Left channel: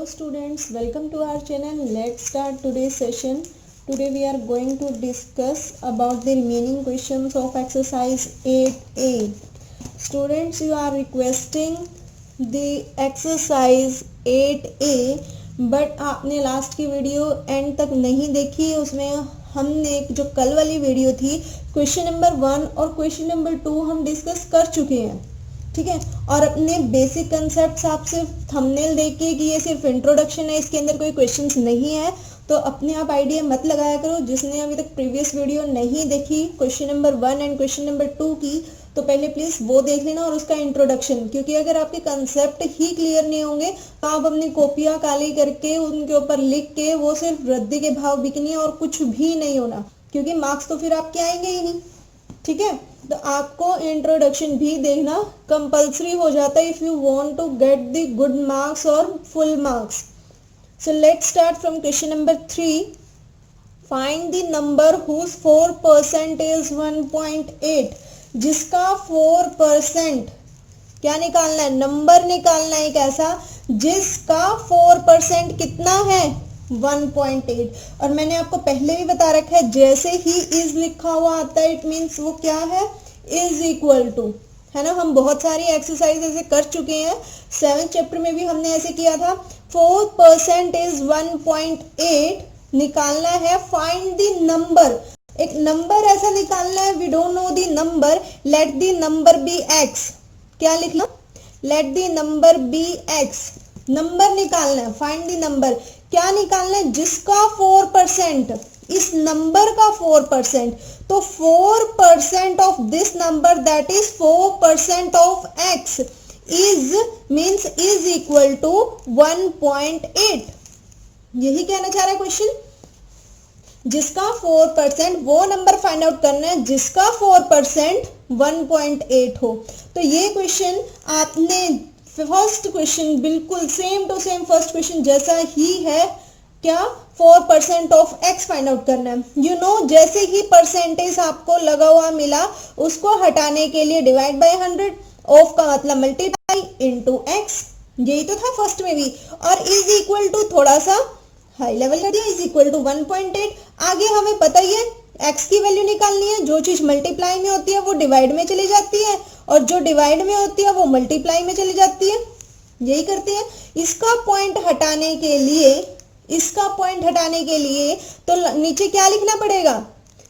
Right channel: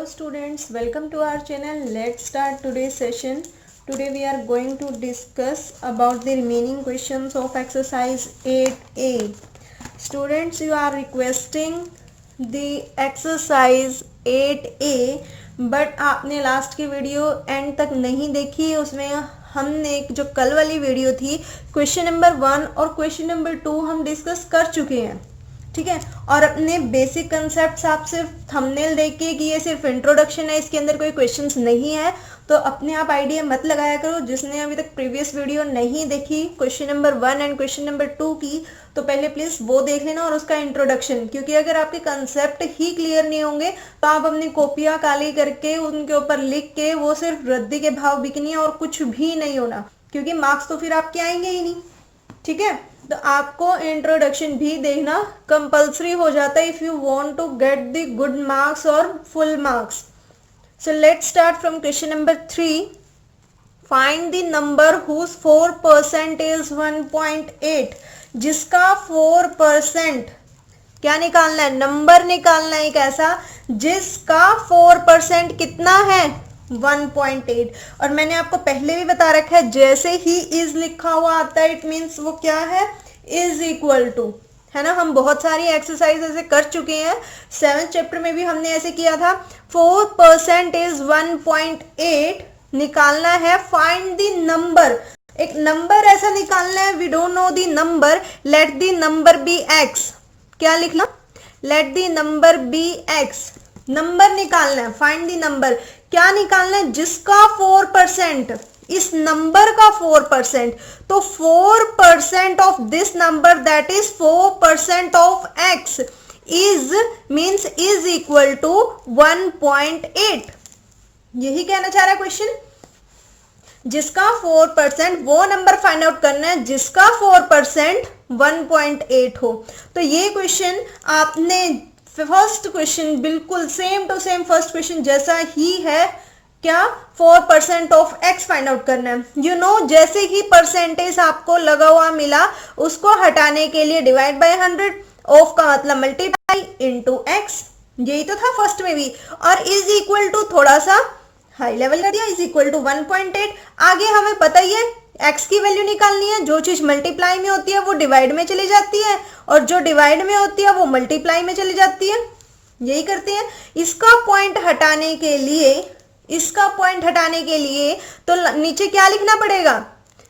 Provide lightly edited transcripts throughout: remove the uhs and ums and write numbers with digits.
Hello students, welcome to our channel. Let's start today's session. Today we are going to discuss about the remaining questions of exercise 8A. Students, you are requesting the exercise 8A, but आपने last की video and तक नहीं देखी. उसमें हमने जो कल वाली वीडियो थी क्वेश्चन नंबर 1 और क्वेश्चन नंबर 2 हम डिस्कस कर चुके हैं. ठीक है, और अपने बेसिक कंसेप्ट आप सिर्फ थंबनेल देख के कि ये सिर्फ इंट्रोडक्शन है, इसके अंदर कोई क्वेश्चंस नहीं है, तो अपने आप आइडिया मत लगाया करो. जिसने अभी तक प्रीवियस वीडियो नहीं देखी question number 1 and question number 2 की, तो पहले प्लीज वो देख लेना और उसका इंट्रोडक्शन, क्योंकि अगर आपके कंसेप्ट ही क्लियर नहीं होंगे तो आप अपनी कॉपियां काली करके उनके ऊपर लिख के वो सिर्फ रद्दी के भाव बिकनी है और कुछ भी नहीं होना, क्योंकि मार्क्स तो फिर आपके आएंगे ही नहीं. ठीक है, तो आपको इंट्रोडक्शन भी देखना कंपल्सरी हो जाता है if you want to get the good marks और full marks. So let's start from question number 3. Find the number whose 4% is 1.8. जिसका 4% क्या निकालना है? नंबर निकालना है एक ऐसा जिसका 4% कितना है? 1.8. और मैंने आपको पहले भी बता रखा है, जैसे ही इज लिखा हुआ आता है इट मीन्स वो क्या है? इज इक्वल टू, है ना. हम बहुत सारी एक्सरसाइज ऐसे कर चुके हैं. 7th चैप्टर में भी हमने ऐसे किया था. 4% इज 1.8. निकालना है फाइंड द नंबर. एक नंबर ऐसा निकालना है, we don't know the number, let the number be x. क्या लिखना? Let the number be x. Number निकालना है, फाइंड द नंबर. क्या निकालना है? जिसका 4%, इस नंबर का 4%. तो 4% of this number that is 4% of x is means is equal to 1.8. यही कहना चाह रहा है क्वेश्चन. जिसका 4%, वो नंबर फाइंड आउट करना है जिसका 4% 1.8 हो. तो ये क्वेश्चन आपने फर्स्ट क्वेश्चन बिल्कुल same to same first question जैसा ही है. क्या? 4% ऑफ x फाइंड आउट करना है. यू नो, जैसे ही परसेंटेज आपको लगा हुआ मिला उसको हटाने के लिए डिवाइड बाय 100. ऑफ का मतलब मल्टीप्लाई इनटू x. यही तो था फर्स्ट में भी. और इज इक्वल टू थोड़ा सा हाई लेवल कर दिया, इज इक्वल टू 1.8. आगे हमें पता ही है x की वैल्यू निकालनी है. जो चीज मल्टीप्लाई में होती है वो डिवाइड में चली जाती है, और जो डिवाइड में होती है वो मल्टीप्लाई में चली जाती है. यही करते हैं. इसका पॉइंट हटाने के लिए, इसका पॉइंट हटाने के लिए तो नीचे क्या लिखना पड़ेगा?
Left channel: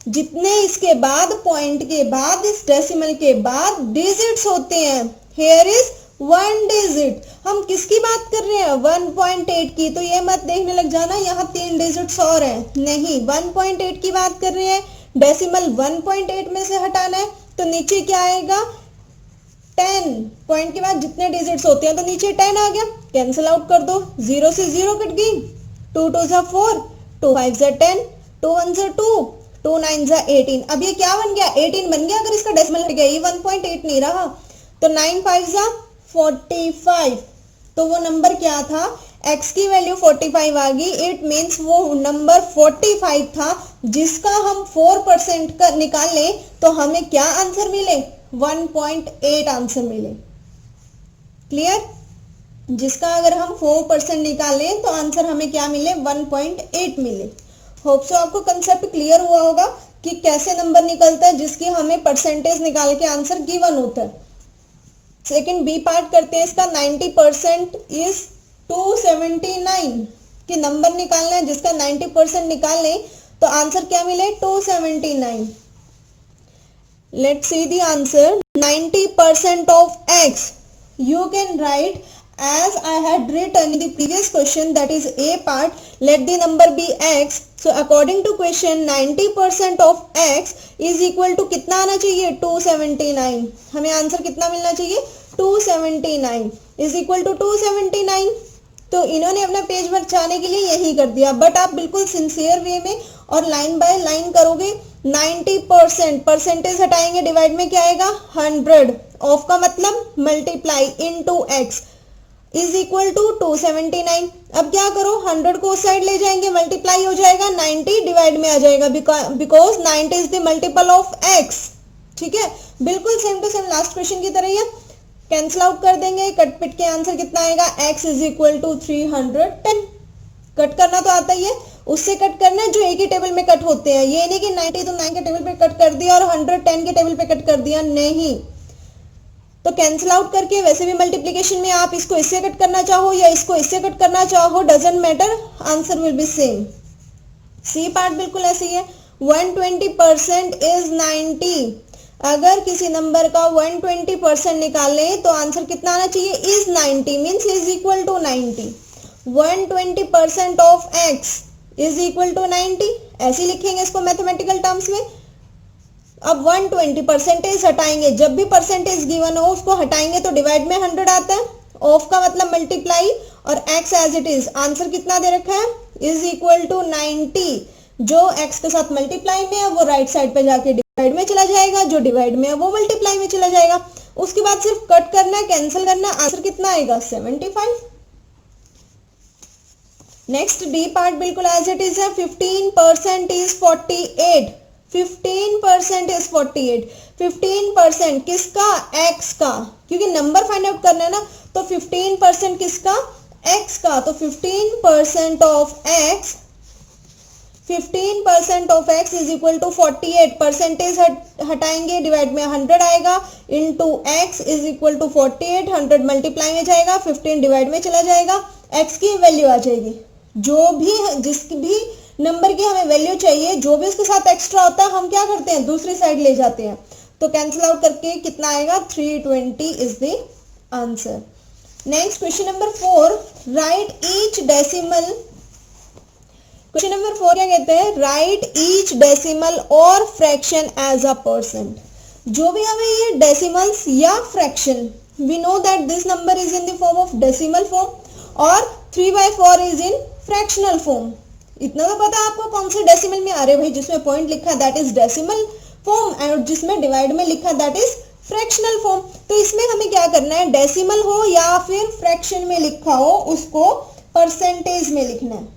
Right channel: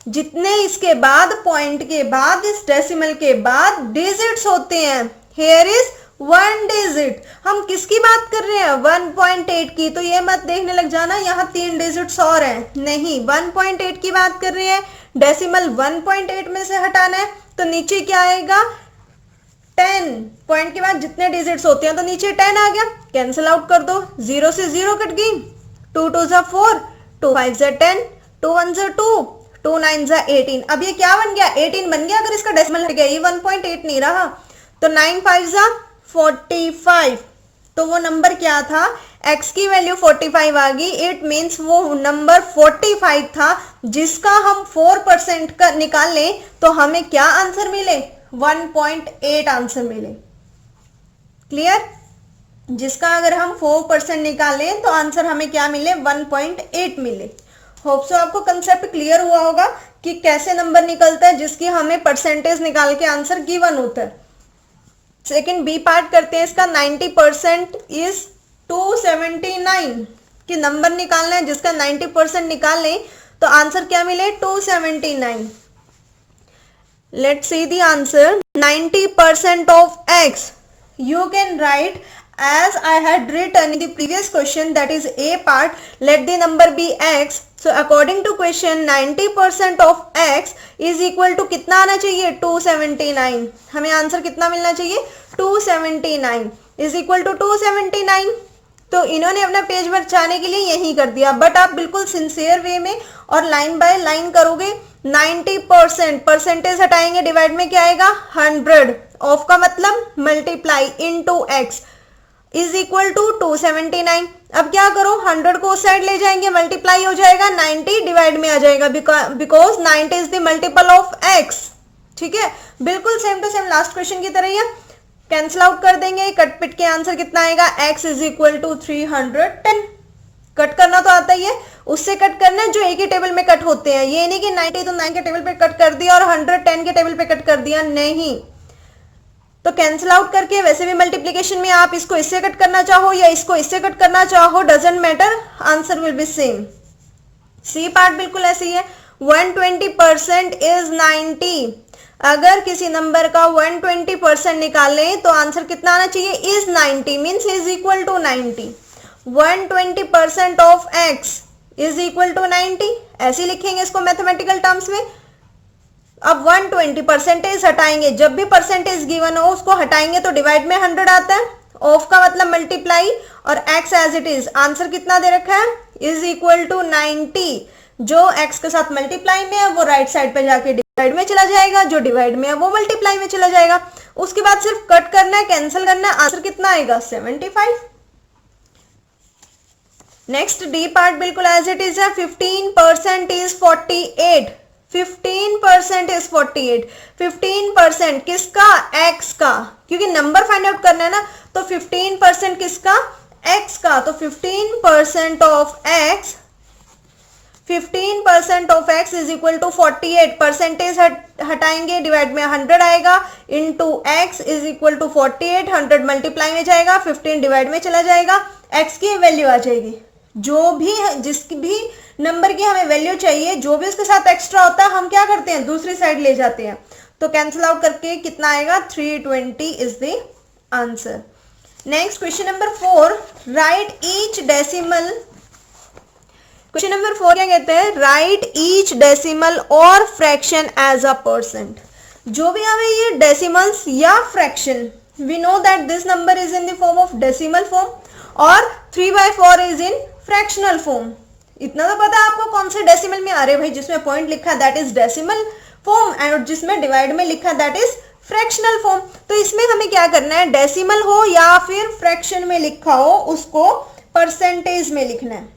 जितने इसके बाद पॉइंट के बाद इस डेसिमल के बाद डिजिट्स होते हैं, हेयर इज 1 डिजिट. हम किसकी बात कर रहे हैं? 1.8 की. तो ये मत देखने लग जाना यहाँ 3 डिजिट्स और हैं. नहीं, 1.8 की बात कर रहे हैं. डेसिमल 1.8 में से हटाना है, तो नीचे क्या आएगा? 10. पॉइंट के बाद जितने डिजिट्स होते हैं तो नीचे 10 आ गया. कैंसिल आउट कर दो. 0 से 0 कट गई. 2 2 जा 4, 2 5 जा 10, 2 1 जा 2, 2 9 जा 18. अब ये क्या बन गया? 18 बन गया. अगर इसका डेसिमल हट गया, ये 1.8 नहीं रहा. तो 9 5 जा 45. तो वो नंबर क्या था? x की वैल्यू 45 आ गई. इट मीन्स वो नंबर 45 था जिसका हम 4% का निकाल लें तो हमें क्या आंसर मिले? 1.8 आंसर मिले. क्लियर? जिसका अगर हम 4% निकालें तो आंसर हमें क्या मिले? 1.8 मिले. होप सो आपको कंसेप्ट क्लियर हुआ होगा कि कैसे नंबर निकलता है जिसकी हमें परसेंटेज निकाल के आंसर गिवन होता है. सेकंड बी पार्ट करते हैं इसका. 90% इज 279. कि नंबर निकालना है जिसका 90% निकाल लें तो आंसर क्या मिले? 279. Let's see the answer. 90% of x you can write as I had written in the previous question, that is a part. Let the number be x. So according to question 90% of x is equal to कितना आना चाहिए? 279. हमें answer कितना मिलना चाहिए? 279 is equal to 279. तो इन्होंने अपना पेज बचाने के लिए यही कर दिया, बट आप बिल्कुल सिंसियर वे में और लाइन बाय लाइन करोगे. 90% परसेंटेज हटाएंगे, डिवाइड में क्या आएगा? 100. ऑफ का मतलब multiply into x is equal to 279. अब क्या करो? 100 को उस साइड ले जाएंगे, मल्टीप्लाई हो जाएगा. 90 डिवाइड में आ जाएगा because 90 is the multiple of x. ठीक है, बिल्कुल same to same last question की तरह ही है. कैंसिल आउट कर देंगे, कट पिट के आंसर कितना आएगा, x is equal to 310। Cut करना तो आता ही है, उससे कट करना है जो एक ही टेबल में कट होते हैं, ये नहीं कि 90 तो 9 के टेबल पे कट कर दिया और 110 के टेबल पे कट कर दिया, नहीं। तो कैंसिल आउट करके, वैसे भी मल्टीप्लीकेशन में आप इसको इससे कट करना चाहो या इसको इससे कट करना चाहो, doesn't matter, answer will be same. C part बिल्कुल ऐसे ही है। 120% इज 90। अगर किसी नंबर का 120% निकालें तो आंसर कितना आना चाहिए, is 90 means is equal to 90। 120% of x is equal to 90, ऐसे लिखेंगे इसको मैथमेटिकल टर्म्स में। अब 120 परसेंटेज हटाएंगे, जब भी परसेंटेज गिवन हो उसको हटाएंगे तो डिवाइड में 100 आता है, ऑफ का मतलब मल्टीप्लाई, और x as it is, answer कितना दे रखा है, इज इक्वल टू 90। जो x के साथ मल्टीप्लाई में है वो राइट साइड पे जाके डिवाइड में चला जाएगा, जो डिवाइड में है वो मल्टीप्लाई में चला जाएगा। उसके बाद सिर्फ कट करना है, कैंसिल करना है, आंसर कितना आएगा, 75। नेक्स्ट डी पार्ट बिल्कुल एज इट इज है। 15% इज 48। 15% इज 48। 15% किसका, x का, क्योंकि नंबर फाइंड आउट करना है ना, तो 15% किसका, x का, तो 15% of x, 15% of x is equal to 48। Percentage हटाएंगे, डिवाइड में 100 आएगा, into x is equal to 48, 100 multiply में जाएगा, 15 डिवाइड में चला जाएगा, x की वैल्यू आ जाएगी। जो भी जिसकी भी नंबर की हमें वैल्यू चाहिए, जो भी उसके साथ एक्स्ट्रा होता है हम क्या करते हैं, दूसरी साइड ले जाते हैं। तो कैंसिल आउट करके कितना आएगा, 320 is the answer. Next question number 4, write each decimal. Question number 4 क्या कहते हैं, राइट ईच डेसिमल और फ्रैक्शन एज अ परसेंट। जो भी हमें ये डेसिमल्स या fraction, we know that this number is in the form of decimal form और 3/4 इज इन फ्रैक्शनल फॉर्म। इतना तो पता है आपको कौन से डेसिमल में आ रहे भाई, जिसमें पॉइंट लिखा that is decimal form, and जिसमें डिवाइड में लिखा दैट इज फ्रैक्शनल फॉर्म। तो इसमें हमें क्या करना है, डेसिमल हो या फिर फ्रैक्शन में लिखा हो उसको परसेंटेज में लिखना है।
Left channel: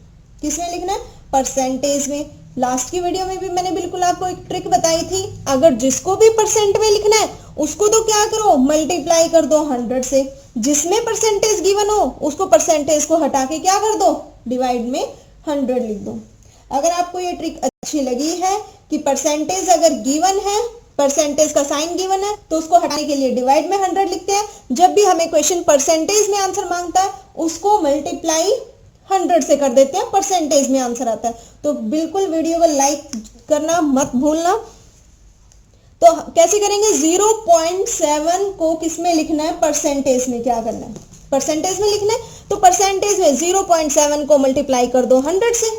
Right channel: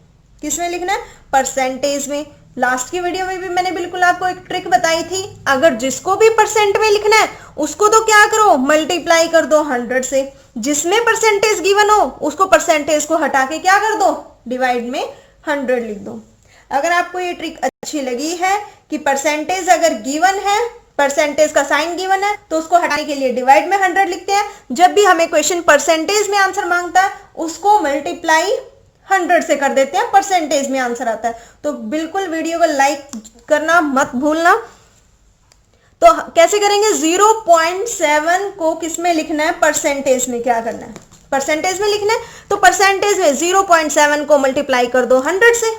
किसमें लिखना है, परसेंटेज में। लास्ट की वीडियो में भी मैंने बिल्कुल आपको एक ट्रिक बताई थी, अगर जिसको भी परसेंट में लिखना है उसको तो क्या करो, मल्टीप्लाई कर दो 100 से। जिसमें परसेंटेज गिवन हो उसको परसेंटेज को हटा के क्या कर दो, डिवाइड में 100 लिख दो। अगर आपको ये ट्रिक अच्छी लगी है कि परसेंटेज अगर गिवन है, परसेंटेज का साइन गिवन है, तो उसको हटाने के लिए डिवाइड में 100 लिखते हैं। जब भी हमें क्वेश्चन परसेंटेज में आंसर मांगता है उसको मल्टीप्लाई 100 से कर देते हैं, परसेंटेज में आंसर आता है। तो बिल्कुल वीडियो को लाइक करना मत भूलना। तो कैसे करेंगे, 0.7 को किसमें लिखना है, परसेंटेज में। क्या करना है, परसेंटेज में लिखना है, तो परसेंटेज में 0.7 को मल्टीप्लाई कर दो 100 से।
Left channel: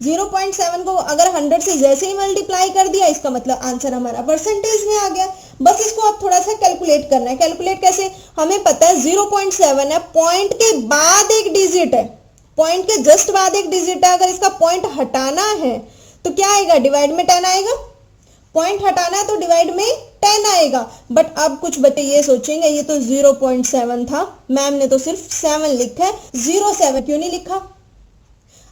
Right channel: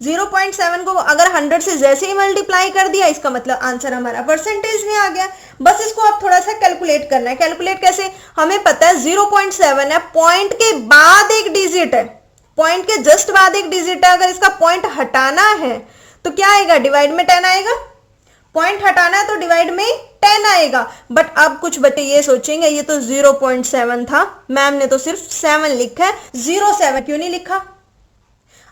0.7 को अगर 100 से जैसे ही मल्टीप्लाई कर दिया, इसका मतलब आंसर हमारा परसेंटेज में आ गया। बस इसको आप थोड़ा सा कैलकुलेट करना है। कैलकुलेट कैसे, हमें पता है 0.7 है, पॉइंट के बाद एक डिजिट है, पॉइंट के जस्ट बाद एक डिजिट है। अगर इसका पॉइंट हटाना है तो क्या आएगा, डिवाइड में 10 आएगा। पॉइंट हटाना है तो डिवाइड में 10 आएगा। बट अब कुछ बच्चे ये सोचेंगे ये तो 0.7 था, मैम ने तो सिर्फ 7 लिखा है, 07 क्यों नहीं लिखा।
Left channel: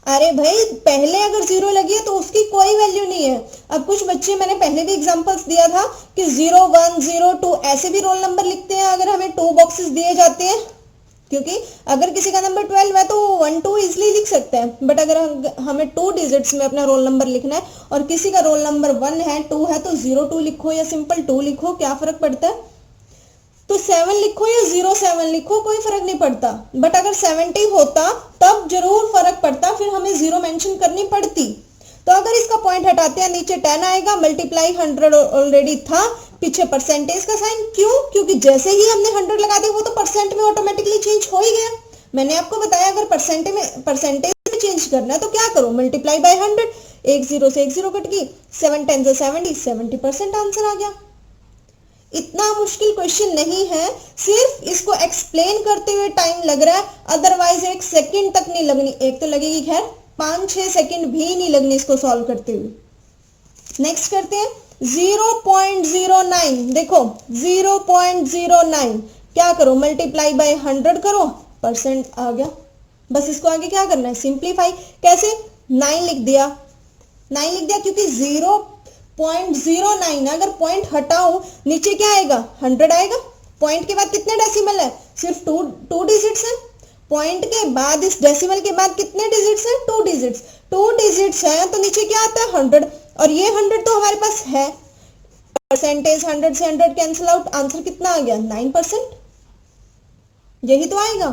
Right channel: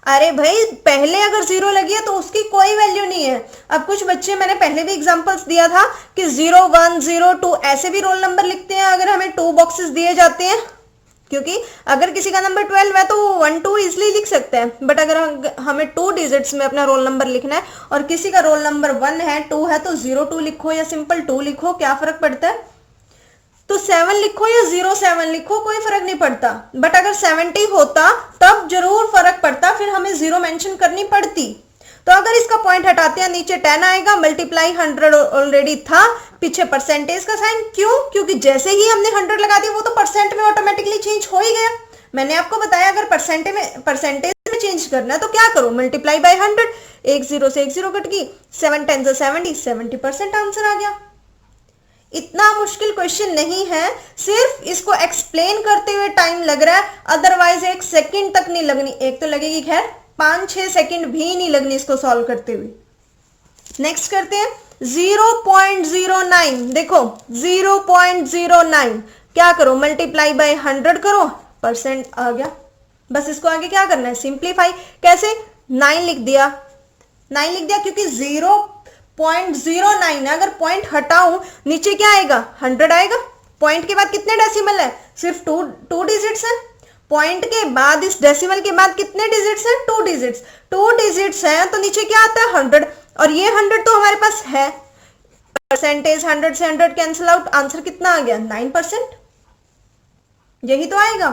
अरे भाई पहले अगर 0 लगी है तो उसकी कोई वैल्यू नहीं है। अब कुछ बच्चे, मैंने पहले भी एग्जांपल्स दिया था कि 01, 02 ऐसे भी रोल नंबर लिखते हैं अगर हमें 2 बॉक्सेस दिए जाते हैं, क्योंकि अगर किसी का नंबर 12 है तो 1, 2 इजिली लिख सकते हैं। बट अगर हमें 2 डिजिट्स में अपना रोल नंबर लिखना है और किसी का रोल नंबर 1 है, 2 है, तो 02 लिखो या सिंपल 2 लिखो, क्या फर्क पड़ता है। तो 7 लिखो या 07 लिखो, कोई फर्क नहीं पड़ता। बट अगर 70 होता तब जरूर फर्क पड़ता, फिर हमें 0 मेंशन करनी पड़ती। तो अगर इसका पॉइंट हटाते हैं नीचे 10 आएगा, मल्टीप्लाई 100 ऑलरेडी था, पीछे परसेंटेज का साइन। क्यों, क्योंकि जैसे ही हमने 100 लगा दिया वो तो परसेंट में ऑटोमेटिकली चेंज हो ही गया। मैंने आपको बताया अगर परसेंटेज में चेंज करना है तो क्या करो, मल्टीप्लाई बाय 100। एक 0 से एक 0 कट गई, 7 10 70, 70% आंसर आ गया। इतना मुश्किल क्वेश्चन नहीं है, सिर्फ इसको एक्सप्लेन करते हुए टाइम लग रहा है, अदरवाइज 1 सेकंड तक नहीं लगनी। एक तो लगेगी खैर, 5-6 सेकंड भी नहीं लगनी इसको सॉल्व करते हुए। नेक्स्ट करते हैं 0.09। देखो 0.09 क्या करो, मल्टीप्लाई बाय 100 करो, परसेंट आ गया। बस इसको आगे क्या करना है, सिंप्लीफाई। कैसे, 9 लिख दिया, 9 लिख दिया क्योंकि 0.09 है। अगर पॉइंट हटाऊं नीचे क्या आएगा, 100 आएगा, पॉइंट के बाद कितने डेसिमल है? सिर्फ टू डिजिट्स है। पॉइंट के बाद इस डेसिमल के बाद कितने डिजिट्स हैं? 2 डिजिट्स। 2 डिजिट्स हैं तो नीचे क्या आता है? 100, और ये 100 तो हमारे पास है। परसेंटेज 100 से 100 कैंसिल आउट, आंसर कितना आ गया? 9%। यही तो आएगा।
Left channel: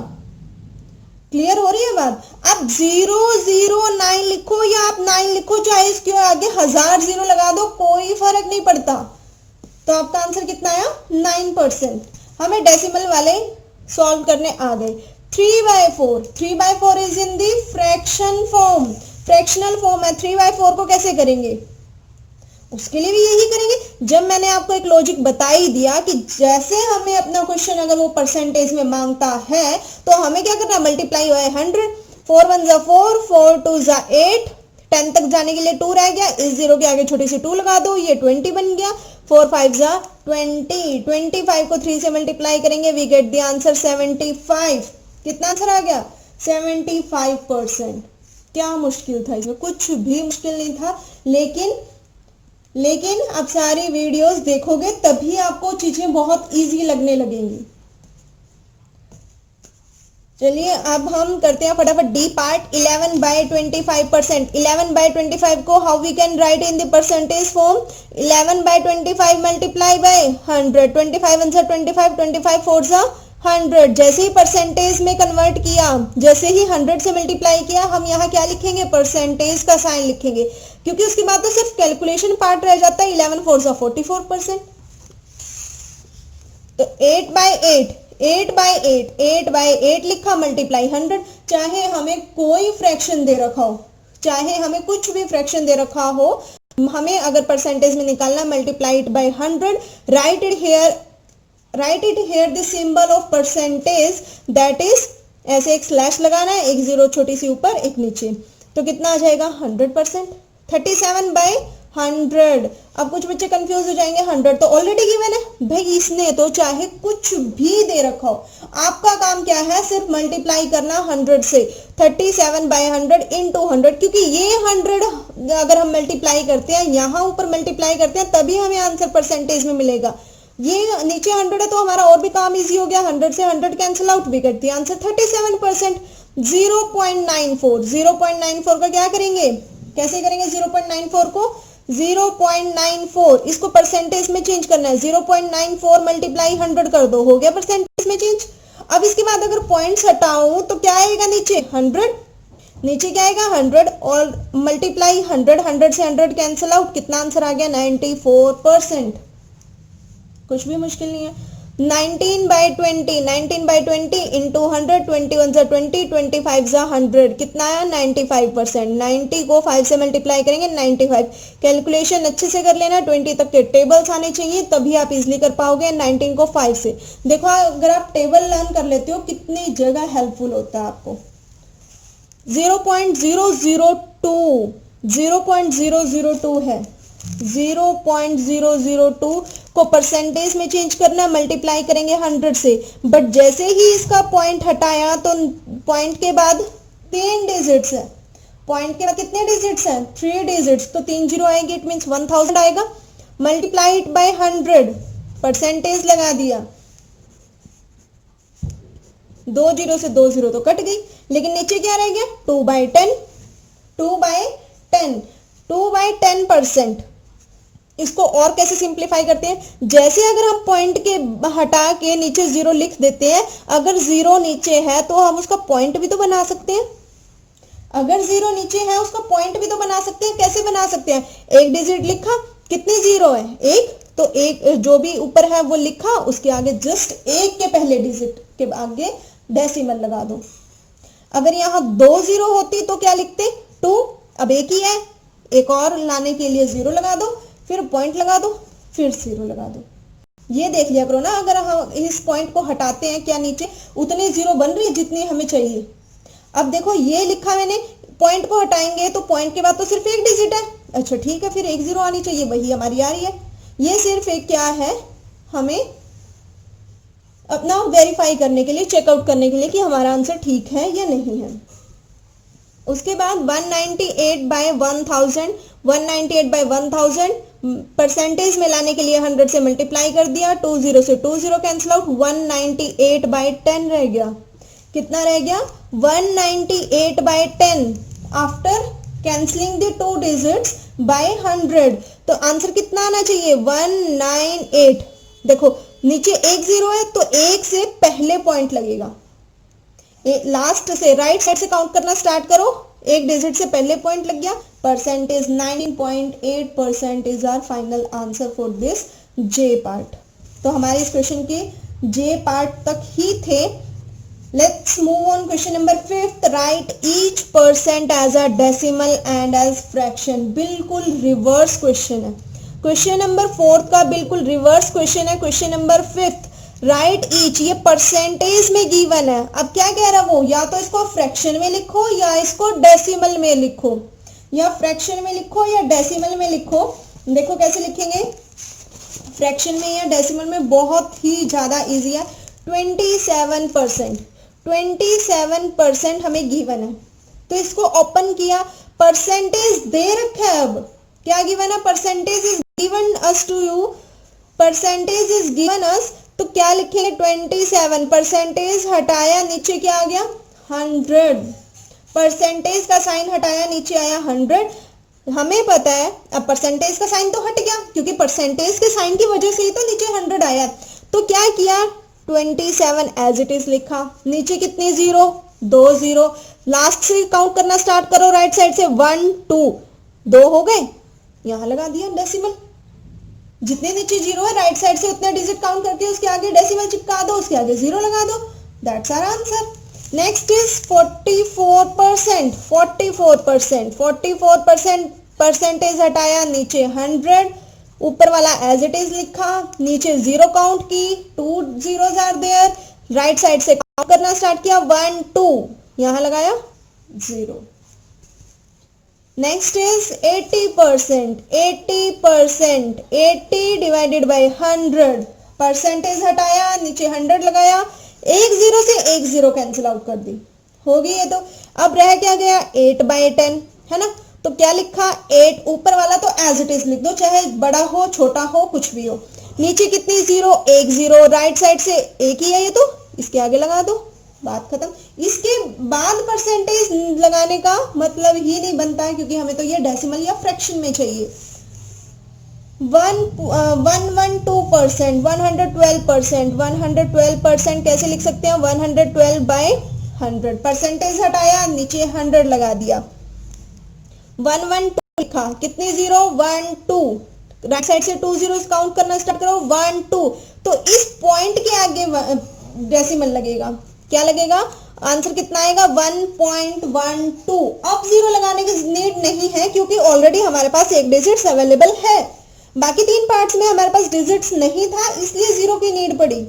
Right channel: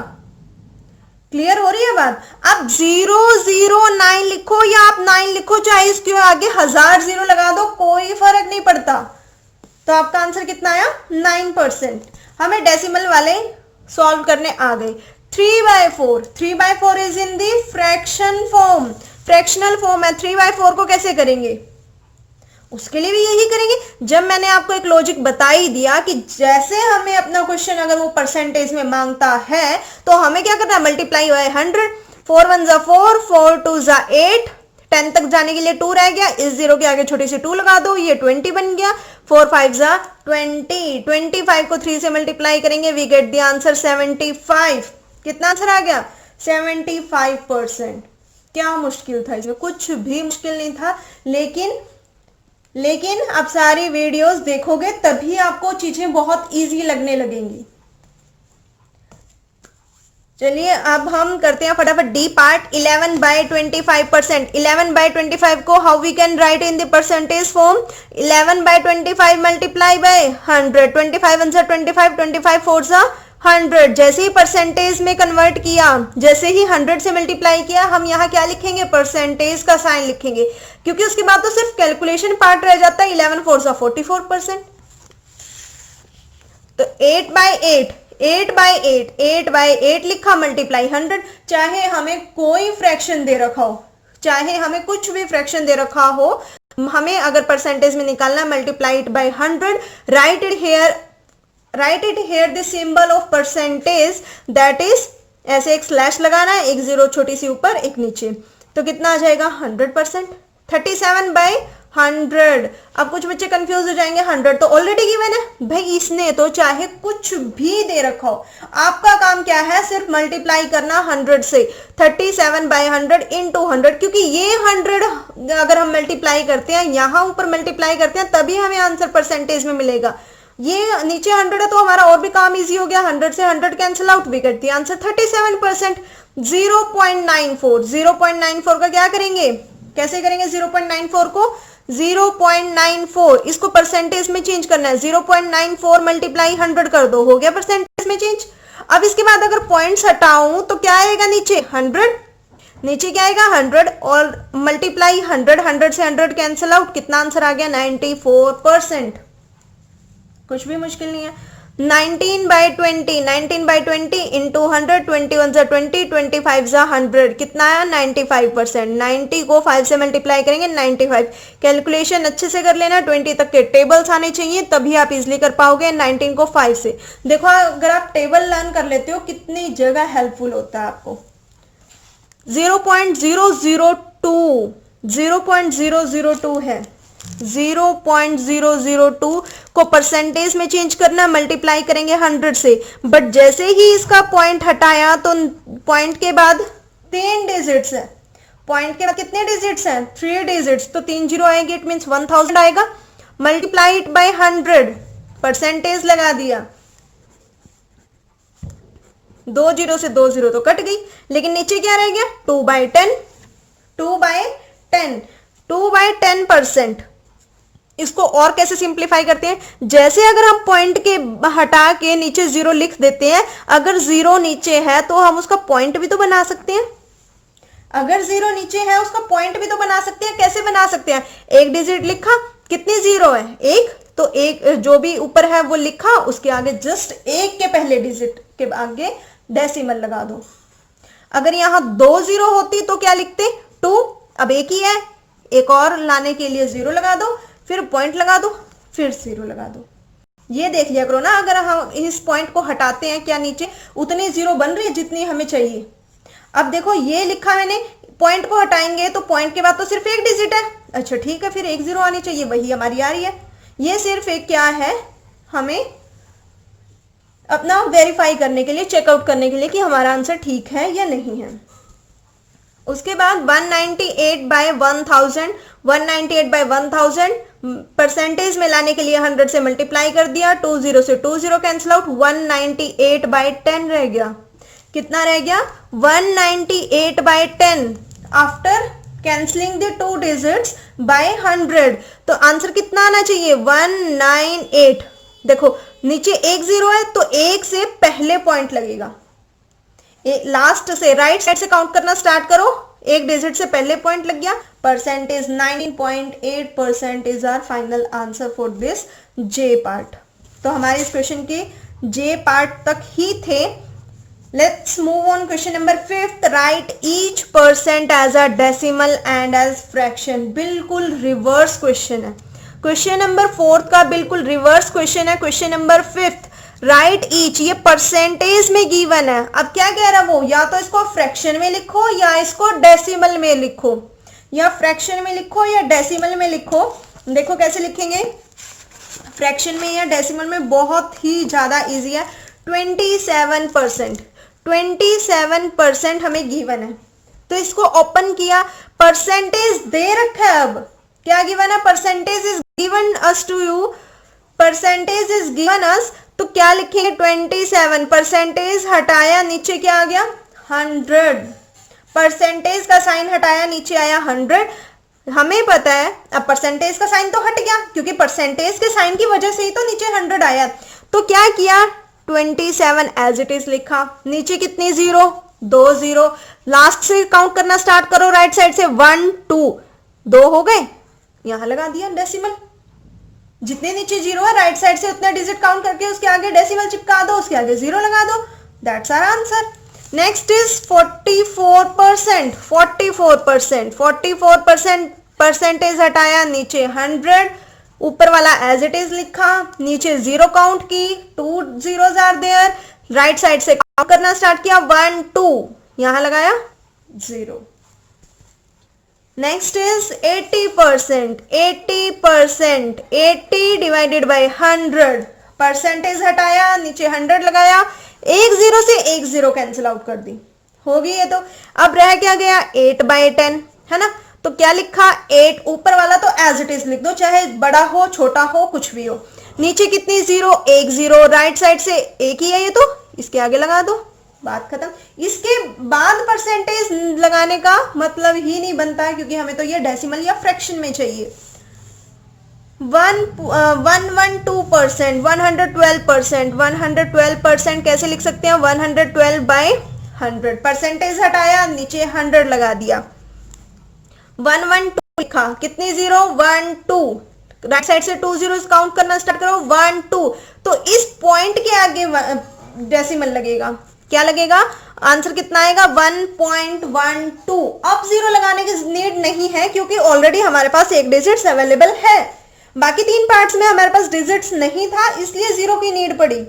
क्लियर हो रही है बात? आप 009 लिखो या आप 9 लिखो, चाहे इसके आगे 1000 जीरो लगा दो, कोई फर्क नहीं पड़ता। तो आपका आंसर कितना आया? 9%। हमें डेसिमल वाले सॉल्व करने आ गए। 3/4, 3/4 is in the fraction form, fractional form है। 3/4 को कैसे करेंगे? उसके लिए भी यही करेंगे। जब मैंने आपको एक लॉजिक बता ही दिया कि जैसे हमें अपना क्वेश्चन अगर वो परसेंटेज में मांगता है तो हमें क्या करना है? Multiply by 100। 4 1 जा 4, 4 2 जा 8, 10 तक जाने के लिए 2 रह गया, इस 0 के आगे छोटी सी 2 लगा दो, ये 20 बन गया। 4 5 जा 20, 25 को 3 से मल्टीप्लाई करेंगे, वी गेट द आंसर 75। कितना आंसर आ गया? 75%। क्या मुश्किल था इसमें? कुछ भी मुश्किल नहीं था। लेकिन आप सारी वीडियोस देखोगे तभी आपको चीजें बहुत इजी लगने लगेंगी। चलिए अब हम करते हैं फटाफट डी पार्ट। 11/25%। 11/25 को how we can write in the percentage form? 11/25 multiply by 100। 25 1 25, 25 4 100। जैसे ही परसेंटेज में कन्वर्ट किया, जैसे ही 100 से मल्टीप्लाई किया, हम यहाँ क्या लिखेंगे? परसेंटेज का साइन लिखेंगे, क्योंकि उसके बाद तो सिर्फ कैलकुलेशन पार्ट रह जाता है। 11 4 44%। तो 8/8, 8/8, 8/8 लिखा, मल्टीप्लाई 100। चाहे हमें कोई फ्रैक्शन दे रखा हो, चाहे हमें कुछ भी फ्रैक्शन दे रखा हो, हमें अगर परसेंटेज में निकालना, multiply it by 100, right it here the symbol of percentage, that is ऐसे एक स्लैश लगाना है, एक जीरो छोटी सी ऊपर एक नीचे, तो कितना आ जाएगा? 100%। 37/100। अब कुछ बच्चे कंफ्यूज हो जाएंगे, 100 तो ऑलरेडी गिवन है। भाई इसने तो चाहे कुछ भी दे रखा हो, आपका काम क्या है? सिर्फ मल्टीप्लाई करना 100 से। 37/100 इंटू 100, क्योंकि ये 100 अगर हम मल्टीप्लाई करते हैं, यहां ऊपर मल्टीप्लाई करते हैं, तभी हमें आंसर परसेंटेज में मिलेगा। ये नीचे 100 है तो हमारा और भी काम इजी हो गया। 100 से 100 कैंसिल आउट, भी करती है आंसर 37%। 0.94, 0.94 का क्या करेंगे? कैसे करेंगे 0.94 को? 0.94 इसको परसेंटेज में चेंज करना है। 0.94 मल्टीप्लाई 100 कर दो, हो गया परसेंटेज में चेंज। अब इसके बाद अगर पॉइंट्स हटाऊं तो क्या आएगा नीचे? 100। नीचे क्या आएगा? 100 और मल्टीप्लाई 100, 100 से 100 कैंसिल आउट, कितना आंसर आ गया? 94%। कुछ भी मुश्किल नहीं है। 19/20, 19/20 इंटू 100, 21 जा 20, 25 जा 100, कितना आया? 95%। 90 को 5 से मल्टीप्लाई करेंगे, 95। कैलकुलेशन अच्छे से कर लेना, 20 तक के टेबल्स आने चाहिए, तभी आप इजिली कर पाओगे। 19 को 5 से देखो, अगर आप टेबल लर्न कर लेते हो कितनी जगह हेल्पफुल होता है आपको। 0.002, 0.002 है। 0.002 को परसेंटेज में चेंज करना, मल्टीप्लाई करेंगे 100 से। बट जैसे ही इसका पॉइंट हटाया तो पॉइंट के बाद 3 डिजिट्स है। पॉइंट के बाद कितने डिजिट्स हैं? 3 डिजिट्स, तो 3 जीरो आएंगे, इट मींस 1000 आएगा। मल्टीप्लाई इट बाय 100, परसेंटेज लगा दिया। 2 जीरो से 2 जीरो तो कट गई, लेकिन नीचे क्या रह गया? 2/10, 2/10, 2/10%। इसको और कैसे सिंप्लीफाई करते हैं? जैसे अगर हम पॉइंट के हटा के नीचे 0 लिख देते हैं, अगर 0 नीचे है तो हम उसका पॉइंट भी तो बना सकते हैं। अगर 0 नीचे है उसका पॉइंट भी तो बना सकते हैं। कैसे बना सकते हैं? एक डिजिट लिखा, कितनी 0 है? एक, तो एक जो भी ऊपर है वो लिखा, उसके आगे जस्ट एक के पहले डिजिट के आगे डेसिमल लगा दो। अगर यहां 2 0 होती तो क्या लिखते? 2। अब एक ही है, एक और लाने के लिए 0 लगा दो, फिर पॉइंट लगा दो, फिर 0 लगा दो। ये देख लिया करो ना, अगर हम इस पॉइंट को हटाते हैं, क्या नीचे उतनी 0 बन रही है जितनी हमें चाहिए। अब देखो ये लिखा मैंने, पॉइंट को हटाएंगे तो पॉइंट के बाद तो सिर्फ एक डिजिट है। अच्छा ठीक है, फिर एक 0 आनी चाहिए, वही हमारी आ रही है। ये सिर्फ एक क्या है, हमें अपना वेरीफाई करने के लिए, चेकआउट करने के लिए कि हमारा आंसर ठीक है या नहीं है। उसके बाद 198/1000, 198/1000 परसेंटेज में लाने के लिए 100 से मल्टीप्लाई कर दिया, 20 से 20 कैंसिल आउट, 198/10 रह गया। कितना रह गया? 198/10 after cancelling the 2 digits by 100। तो आंसर कितना आना चाहिए? 198। देखो नीचे 1 0 है तो 1 से पहले पॉइंट लगेगा, लास्ट से राइट साइड से काउंट करना स्टार्ट करो, एक डिजिट से पहले पॉइंट लग गया। Percentage 19.8% is our final answer for this J part. तो हमारे इस क्वेश्चन के जे पार्ट तक ही थे। Let's move on question number 5th। Write each percent as a decimal and as fraction. बिल्कुल रिवर्स क्वेश्चन है। क्वेश्चन नंबर 4th का बिल्कुल रिवर्स क्वेश्चन है। Question number 5th, write each, ये परसेंटेज में गिवन है। अब क्या कह रहा वो, या तो इसको फ्रैक्शन में लिखो या इसको डेसिमल में लिखो, या फ्रैक्शन में लिखो या डेसिमल में लिखो। देखो कैसे लिखेंगे, फ्रैक्शन में या डेसिमल में बहुत ही ज्यादा इजी है। 27% हमें गिवन है, तो इसको ओपन किया, परसेंटेज दे रखा है। अब क्या गिवन है? Percentage is given us to you, percentage is given us, तो क्या लिखेंगे? 27 परसेंटेज हटाया, नीचे क्या आ गया? 100। परसेंटेज का साइन हटाया, नीचे आया 100। हमें पता है अब परसेंटेज का साइन तो हट गया, क्योंकि परसेंटेज के साइन की वजह से ही तो नीचे 100 आया। तो क्या किया? 27 एज इट इज लिखा, नीचे कितनी 0? 2 0। लास्ट से काउंट करना स्टार्ट करो, राइट साइड से 1 2, 2 हो गए, यहां लगा दिया डेसिमल। जितने नीचे 0 है राइट साइड से उतने डिजिट काउंट करके उसके आगे डेसिमल चिपका दो, उसके आगे 0 लगा दो। That's our answer. Next is 44%। 44% percentage हटाया, नीचे 100, ऊपर वाला एज इट इज लिखा, नीचे 0 काउंट की, 2 zeros are there, right side से काउंट करना स्टार्ट किया, 1 2, यहां लगाया 0। Next is 80%। 80 divided by 100, percentage हटाया, नीचे 100 लगाया, एक 0 से एक 0 कैंसिल आउट कर दी, हो गई है। तो अब रह क्या गया? 8/10 है ना। तो क्या लिखा? 8, ऊपर वाला तो एज इट इज लिख दो, चाहे बड़ा हो छोटा हो कुछ भी हो। नीचे कितनी 0? एक 0, राइट साइड से एक ही है ये, तो इसके आगे लगा दो, बात खत्म। इसके बाद परसेंटेज लगाने का मतलब ही नहीं बनता है, क्योंकि हमें तो ये डेसिमल या फ्रैक्शन में चाहिए। 112%, 112% कैसे लिख सकते हैं? 112/100, परसेंटेज हटाया, नीचे 100 लगा दिया, 112 लिखा, कितनी 0? 1 2, राइट साइड से 2 zeros काउंट करना स्टार्ट करो, 1 2। तो इस पॉइंट के आगे डेसिमल लगेगा, क्या लगेगा? आंसर कितना आएगा? 1.12। अब 0 लगाने की नीड नहीं है, क्योंकि ऑलरेडी हमारे पास एक डिजिट्स अवेलेबल है। बाकी 3 पार्ट्स में हमारे पास डिजिट्स नहीं था, इसलिए 0 की नीड पड़ी,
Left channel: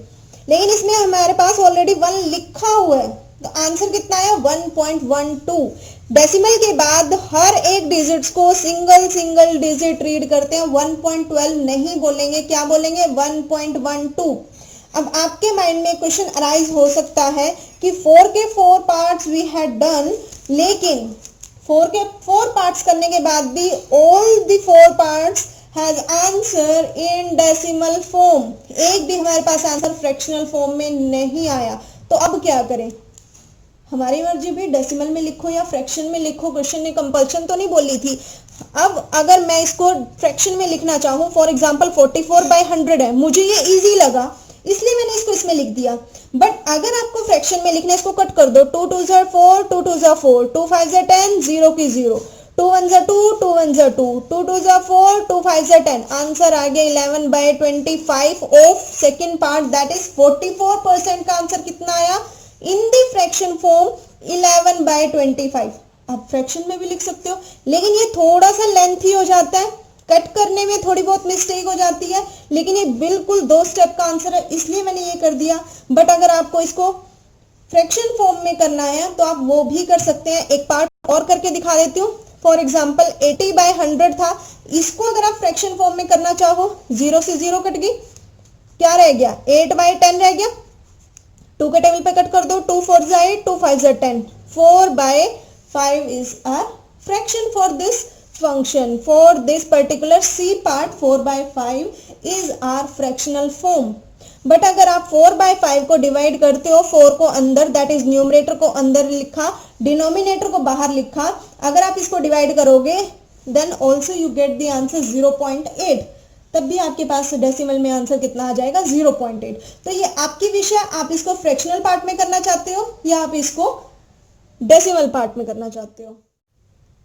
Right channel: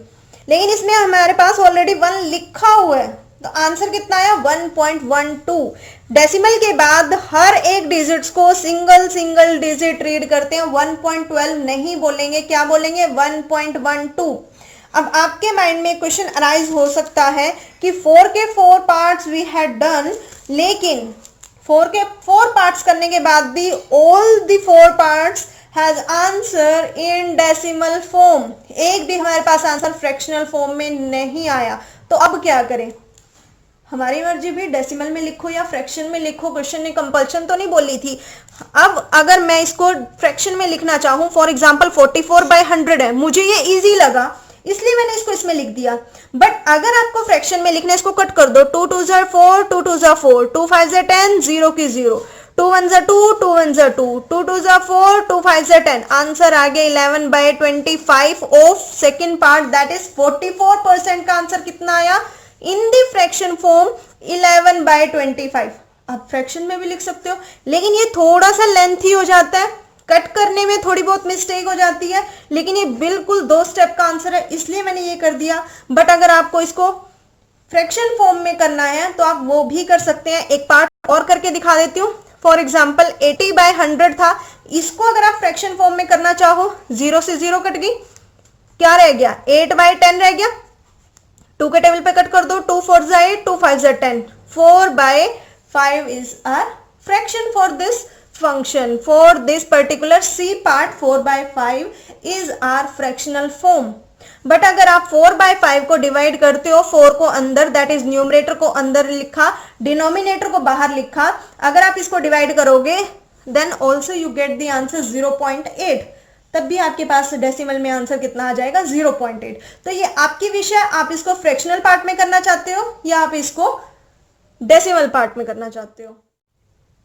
लेकिन इसमें हमारे पास ऑलरेडी 1 लिखा हुआ है। तो आंसर कितना आया? 1.12। डेसिमल के बाद हर एक डिजिट्स को सिंगल डिजिट रीड करते हैं, 1.12 नहीं बोलेंगे, क्या बोलेंगे? 1.12। अब आपके माइंड में क्वेश्चन अराइज हो सकता है कि 4 के 4 पार्ट्स वी हैड डन, लेकिन 4 के 4 पार्ट्स करने के बाद भी all the 4 parts has answer in decimal form, एक भी हमारे पास आंसर फ्रैक्शनल फॉर्म में नहीं आया। तो अब क्या करें? हमारी मर्जी भी, डेसिमल में लिखो या फ्रैक्शन में लिखो, क्वेश्चन ने कंपल्शन तो नहीं बोली थी। अब अगर मैं इसको फ्रैक्शन में लिखना चाहूं, फॉर एग्जांपल 44/100 है, मुझे ये इजी लगा इसलिए मैंने इसको इसमें लिख दिया। बट अगर आपको फ्रैक्शन में लिखना है, इसको कट कर दो, 2 2s are 4, 2 2s are 4, 2 5s are 10, 0 की 0, 2 1s are 2, 2 1s are 2, 2 2s are 4, 2 5s are 10। Answer आ गया 11/25 of second part, that is 44% का आंसर कितना आया? In the fraction form 11/25। आप फ्रैक्शन में भी लिख सकते हो, लेकिन ये थोड़ा सा लेंथी हो जाता है, कट करने में थोड़ी बहुत मिस्टेक हो जाती है, लेकिन ये बिल्कुल 2 स्टेप का आंसर है, इसलिए मैंने ये कर दिया। बट अगर आपको इसको फ्रैक्शन फॉर्म में करना है तो आप वो भी कर सकते हैं। एक पार्ट और करके दिखा देती हूँ। फॉर एग्जाम्पल 80/100 था, इसको अगर आप फ्रैक्शन फॉर्म में करना चाहो, 0 से 0 कट गई, क्या रह गया? 8/10 रह गया। 2 के टेबल पे कट कर दो, 2 4s are 8, 2 5s are 10, 4/10 5 is our fraction for this function. For this particular C part 4/5 is our fractional form. But अगर आप 4/5 को डिवाइड करते हो, 4 को अंदर दैट इज न्यूमरेटर को अंदर लिखा, डिनोमिनेटर को बाहर लिखा, अगर आप इसको डिवाइड करोगे then also you get the answer 0.8, तब भी आपके पास डेसिमल में आंसर कितना आ जाएगा 0.8. तो ये आपकी विषय, आप इसको फ्रैक्शनल पार्ट में करना चाहते हो या आप इसको डेसिमल पार्ट में करना चाहते हो.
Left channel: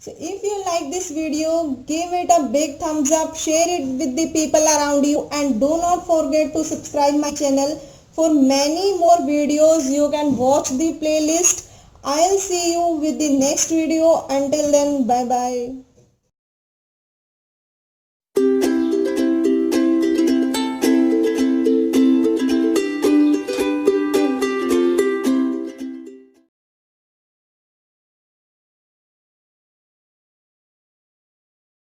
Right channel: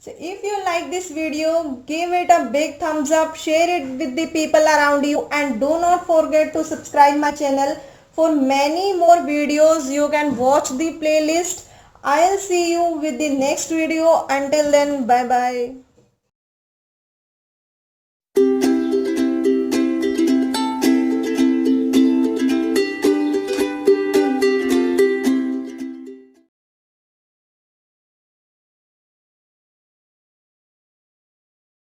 So if you like this video, give it a big thumbs up, share it with the people around you, and do not forget to subscribe my channel for many more videos. You can watch the playlist. I'll see you with the next video. Until then, bye bye.